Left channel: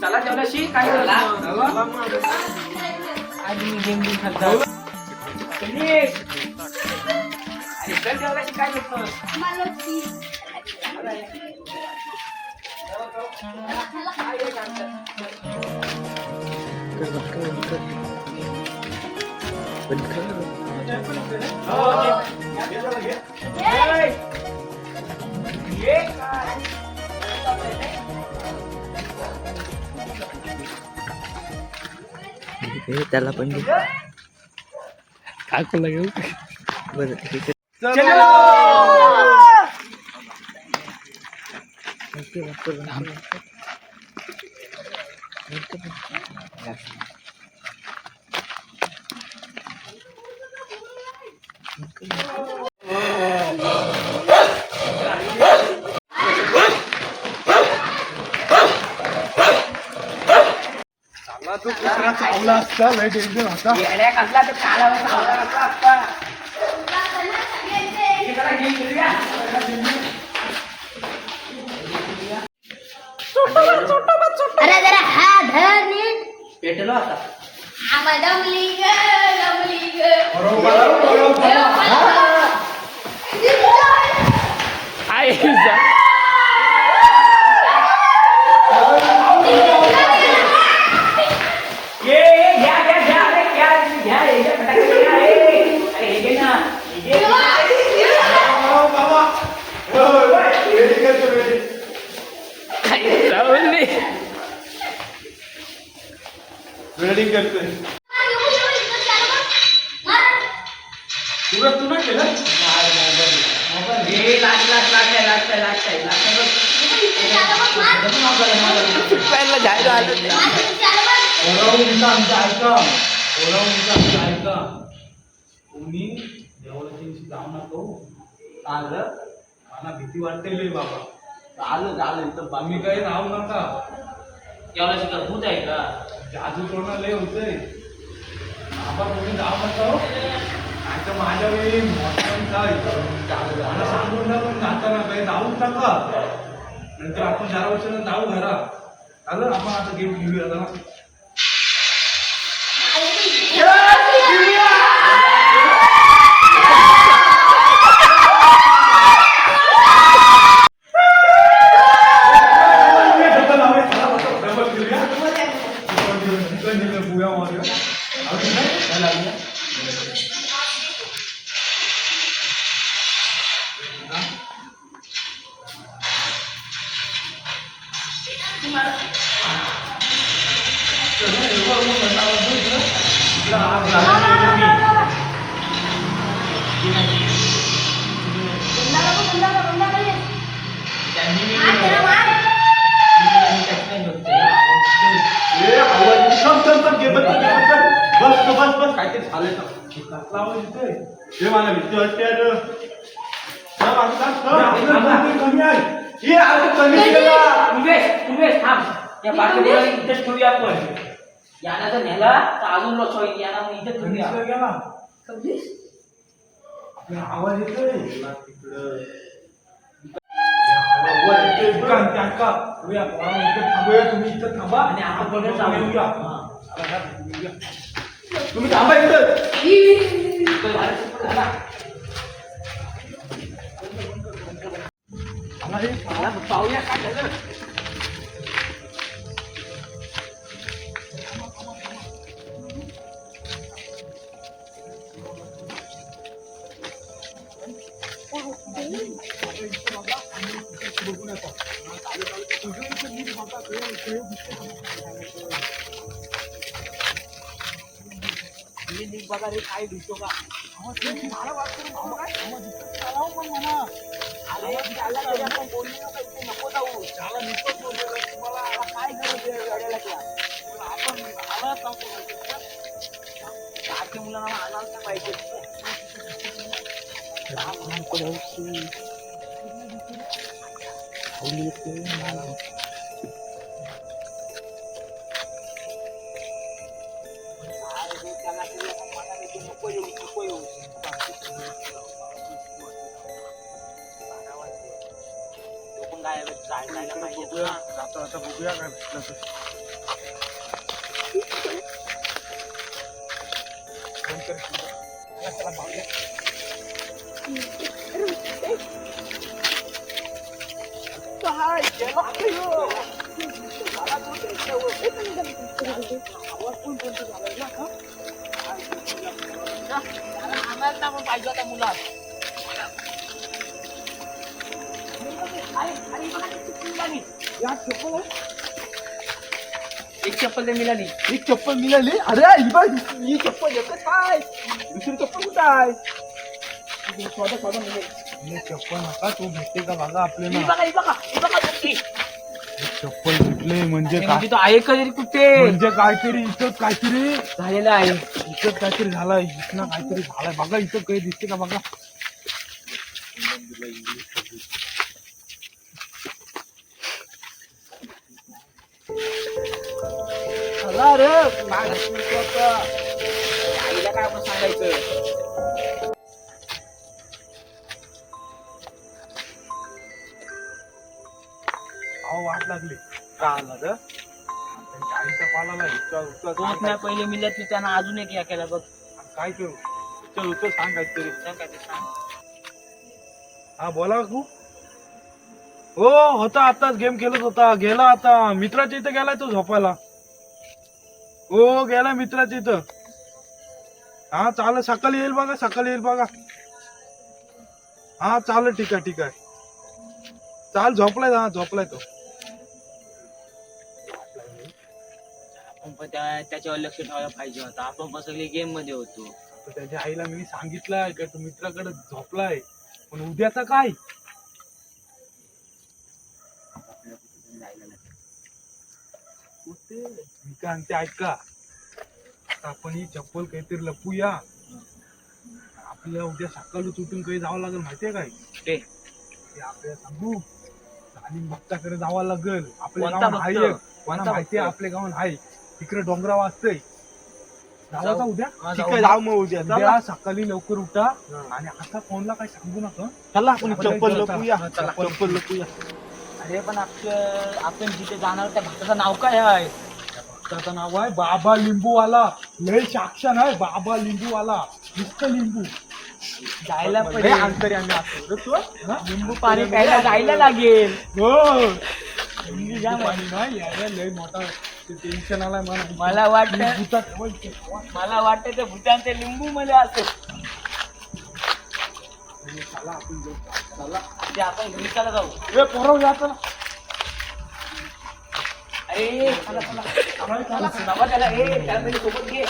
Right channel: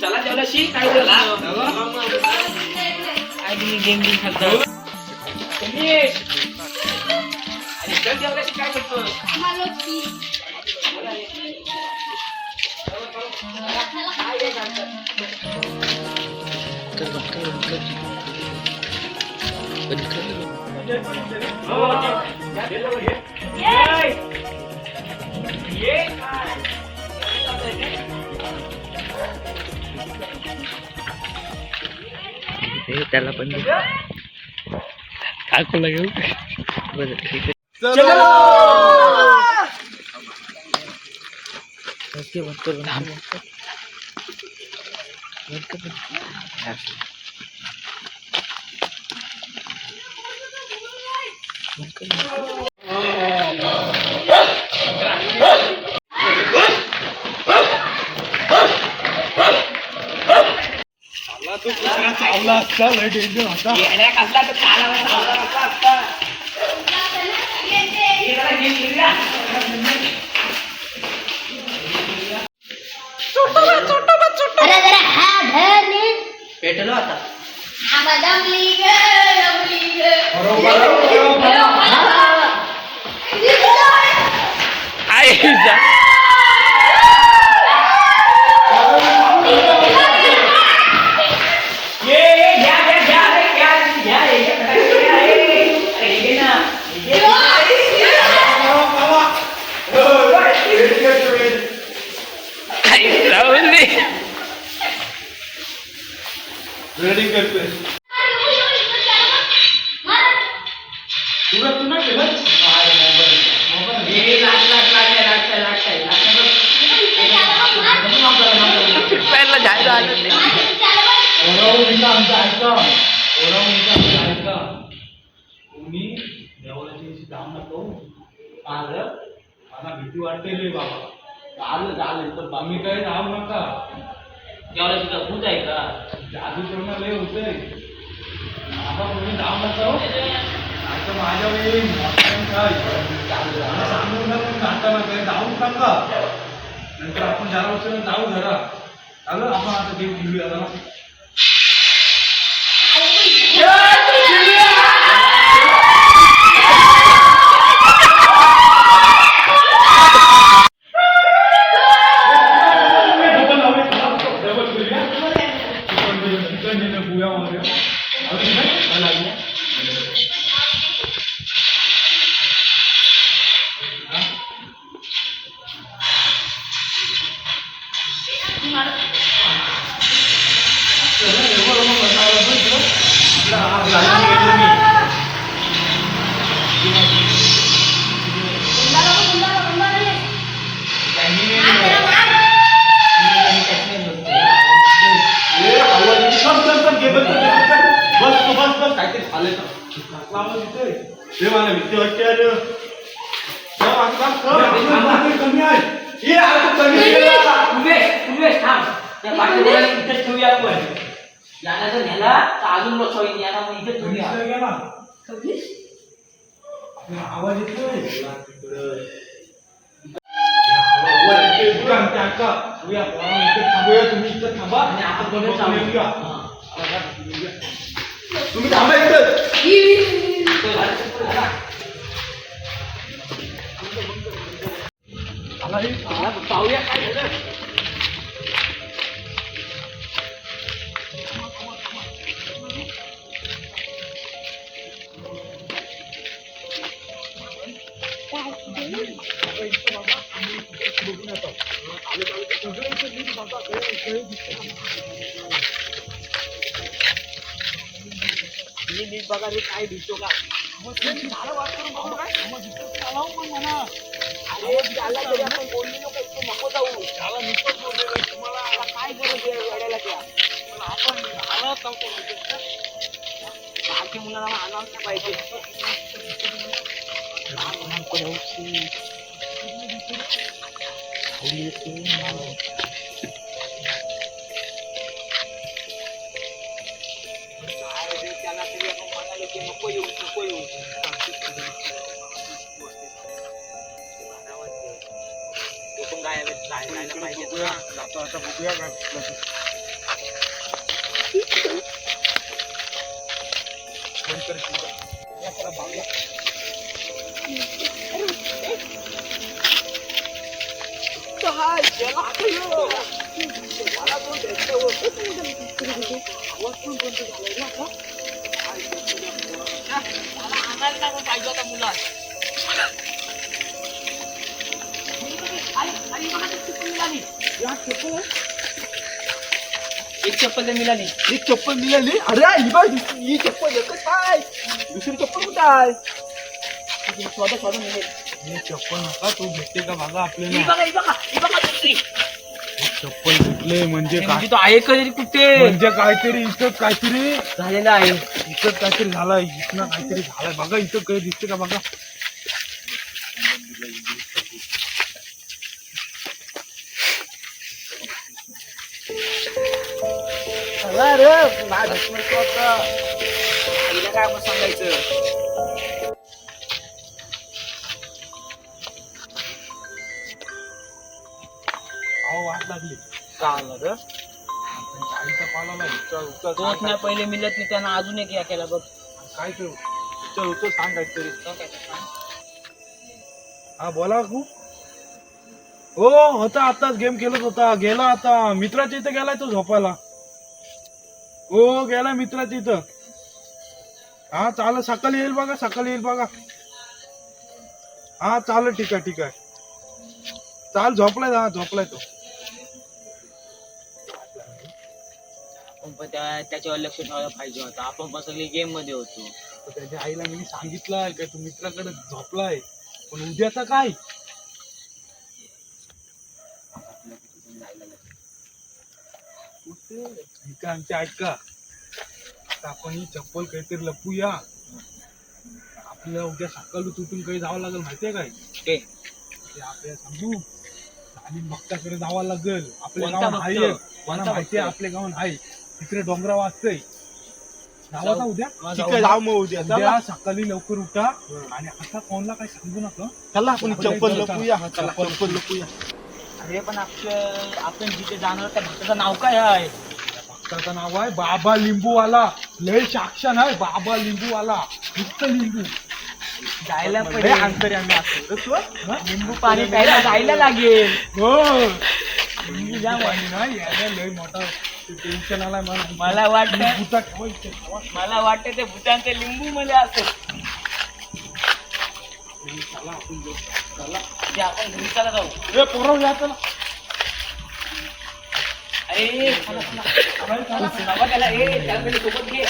चला जेवल्याशी काय गेम खेळतात जेवल्याशी काय करतो त्याला पण काय कोण लागेल बरं ठीक आहे तू कुत्रा चावला असता लय डेंजर होता कसला तर असता अरे जरा हा धर नीट पेटलो आता आम्हा दमली ग रेडिंग करतोय तुला तू नाही केलं ऐका तुम्ही देवाची जाऊ नको आलं मला भीती वाटते बाबा झालं तर आम्ही काही राहू नका जेवल्याशी का भूत आहे का जादू तोडणं लय होतंय बाबा तुम्ही जाऊ नका आता माझ्या वेळी काय मला सांगून ना पण नाका ना काही जाऊच नका नंतर आपण ज्याला वर्षाला जाऊ घरा चालू आपण आता गेम खेळूया ना बस काहीतरी झालंय मला भीती वाटते कमी आहे ठेवूया आपण याला जर नेला तर अजून लोक होईल याला मग इथे ठेवूया आवाज येतोय थांबूया तुम्ही इथं थांबा आणि आपण बघत येऊया तुम्ही थांबा इथं पाहूया काय झालं नीट बघा रे काय दिसतो का आपण बोललो नको इथे नको जाऊ त्याला नुसतं बोललेलं तुम्हाला काय गरज आहे गाड्याला त्या पण आपण आलाच नव्हतो बाकी मुलांना आणायला पाहिजे त्याला तरी आपण म्हणाले की नको येऊ तो पण पण जायला पाहिजे बघूया, जाता जाता बघूया काय भेटलं ते. फोन कर की. चला, चला, भाऊया. आम्हाला टाकून पाहिजे होता मुलात. या चप्पल आहे? एक चप्पल तर मिळाली. एक चप्पल मिळाली. अरे ही बाय ही चप्पल एकच काय दुसरी चप्पल कुठं आहे? स्वतः मिळेल. हे चप्पल नका तू भेटते का बघा आपल्याला. ही बघा दुसरी. चप्पल भेटले म्हणजे काय? म्हणजे तो आहे कधी कुठे म्हणजे काहीतरी इथं काहीतरी झालेला आहे. इथं काहीतरी झालंय. इथं काहीतरी झालंय बघा. इथं काही दिसते का बघा. चला रे माझ्या आईला काय आपण सांगायचं. अहो वाट लागली. का आला रे त्यांच्या आईचा पाला नाही. दोन नाही पहिले मिळत नाही त्यांना अजून एक या केला बघ. काय करू चल होतं सांग काहीतरी. सांग काय ते सांग. हा बोला तू. हो होता आताच गेम खेळत होता. गेला आता मित्राच्या इथं गेलाय तो झोपायला. हो गेला मित्राच्या इथं. हा चालेल सकाळी येईल बघा. सकाळी येईल बघा. हा चालेल ठीक आहे ठीक आहे. चाल झोपलाय. हा झोपलाय तो. आपण पण त्याच्यावर लक्ष ठेवायला पाहिजे होतं. आपण पण सगळे गेम मध्ये होतो. तर त्याच्या आईला मी सांगितलंय काय तू मित्राकडे झोपलाय पण उद्याचा काय. ते ऐका आता आपण ही चप्पल काहीतरी लपूया. आपल्याला उद्या सकाळी उठून काही जावं लागेल माहितीये काय. ते आपल्याला सांगू आणि भक्ताकडे जावं लागेल. आपल्या कोणता गावात आहे भक्त? कोणा कोणता माहितीये भक्त? आपल्या गावात आहे तिकडे डोंगरा वाजतय. जावा का उद्या. हा, ठीक जाऊ. आहे, जाऊ मग उद्या सकाळी लवकर उठा आणि आता कोणाला काही सांगू नका. चला आपण चप्पल लपूया. चप्पल लपूया. अरे पण आपण जिथे जाणार त्या भक्ताचं नाव काय आहे. त्या भक्ताचं नाव आहे बाबा लिंबूवाला. लय साक्षान आहे बाबा लिंबूवाला. नुसतं लिंबू जायला लय पडेल. अंतरी आम्ही असतो. हा? लिंबू पाणी प्यायला जायला लागेल. हो लिंबू जाम आहे. पाणी नाही यायला लय मोठा टेन्शन आलाय मला वाटतं भूता ठेवायचे. मला वाटतं ते भूतांचे लिंबू मध्ये असत. चला आपण जाऊ. चला ते आपण घरी चला जाऊ. ए पोरं या चला. अरे चला चला. बाबा त्याला त्याला पहिले सोबत घे.